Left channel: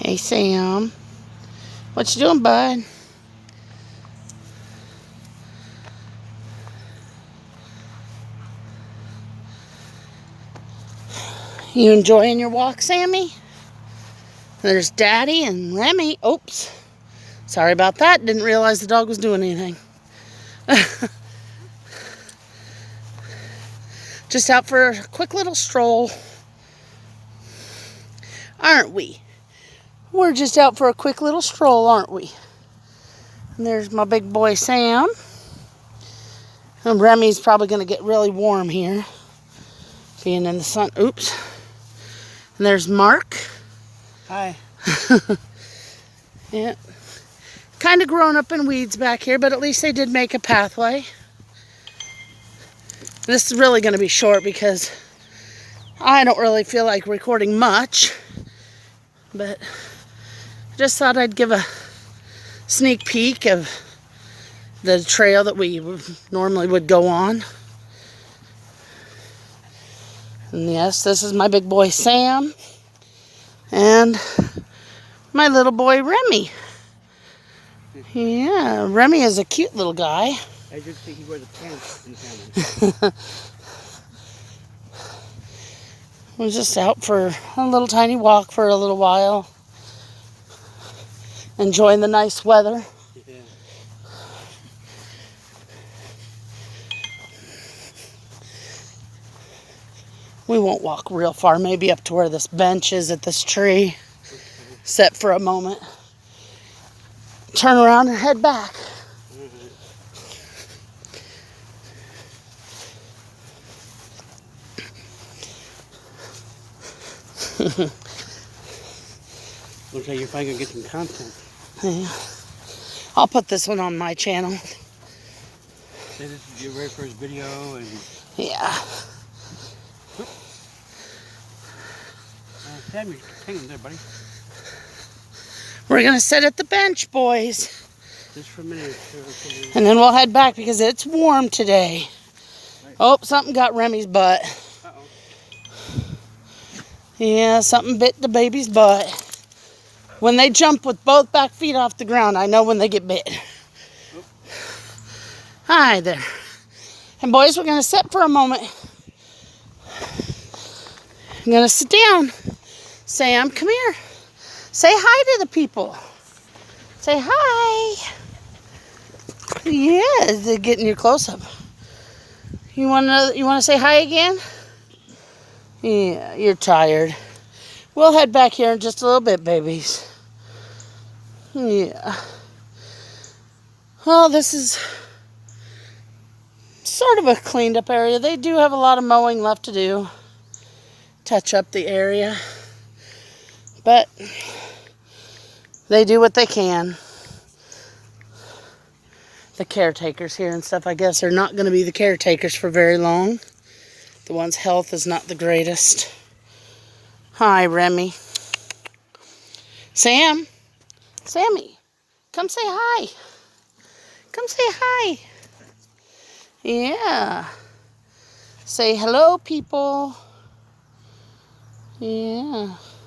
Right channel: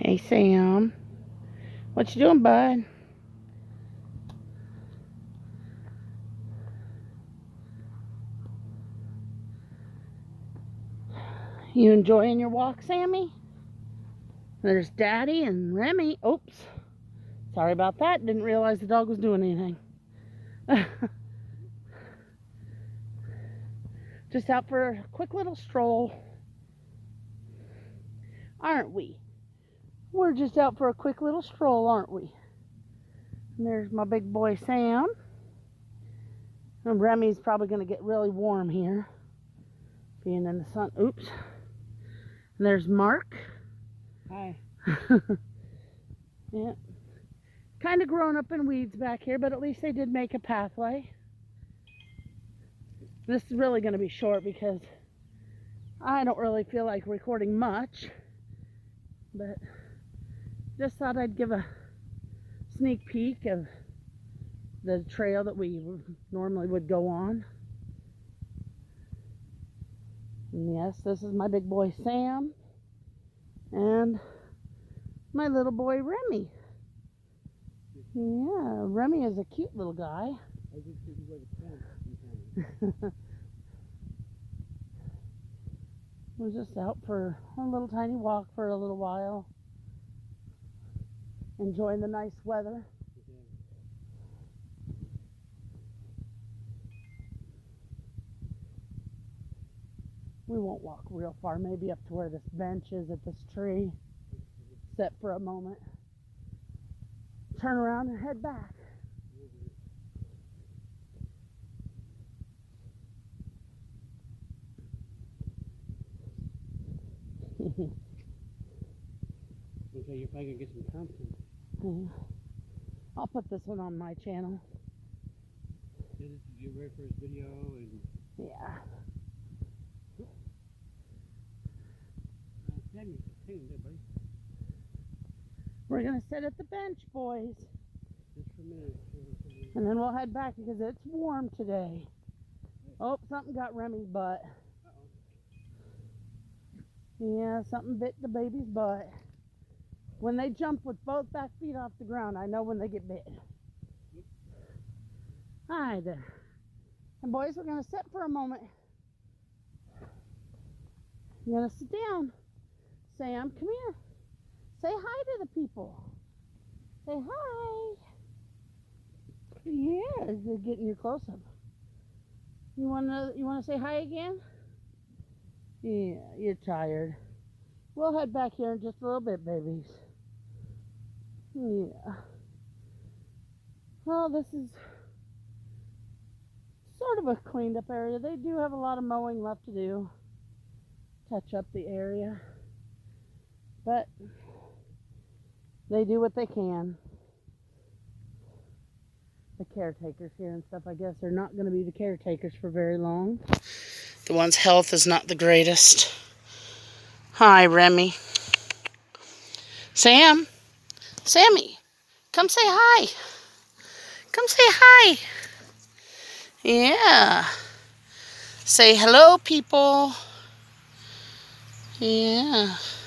Hey, Sam. What you doing, bud? You enjoying your walk, Sammy? There's Daddy and Remy. Oops. Sorry about that. Didn't realize the dog was doing anything. Just out for a quick little stroll. Aren't we? We're just out for a quick little stroll, aren't we? And there's my big boy, Sam. And Remy's probably going to get really warm here. Being in the sun. Oops. And there's Mark. Hi. Yeah. Kind of grown up in weeds back here, but at least they did make a pathway. This is really going to be short because I don't really feel like recording much. But I just thought I'd give a sneak peek of the trail that we normally would go on. And yes, this is my big boy Sam and my little boy Remy. Yeah, Remy is a cute little guy. I just think he wears a pants in family. We're just out for a little tiny walk for a little while. Enjoying the nice weather. Yeah. We won't walk real far, maybe up to where this bench is at this tree. Sit for a moment. Turn around and head back. Looks like you're finally gonna get some content. Yeah. I'll put this one on my channel. This is your very first video, and Yeah. Sam, you're hanging there, buddy. We're going to sit at the bench, boys. Just for a minute. And then we'll head back because it's warm today. Right. Oh, something got Remy's butt. Uh-oh. Yeah, something bit the baby's butt. When they jump with both back feet off the ground, I know when they get bit. Oop. Hi there. And boys, we're going to sit for a moment. I'm going to sit down. Sam, come here. Say hi to the people. Say hi. Yeah, they're getting your close-up. You want to say hi again? Yeah, you're tired. We'll head back here in just a little bit, babies. Yeah. Well, this is sort of a cleaned up area. They do have a lot of mowing left to do. Touch up the area. But they do what they can. The caretakers here and stuff, I guess, are not going to be the caretakers for very long. The one's health is not the greatest. Hi, Remy. Sam. Sammy. Come say hi. Come say hi. Yeah. Say hello, people. Yeah.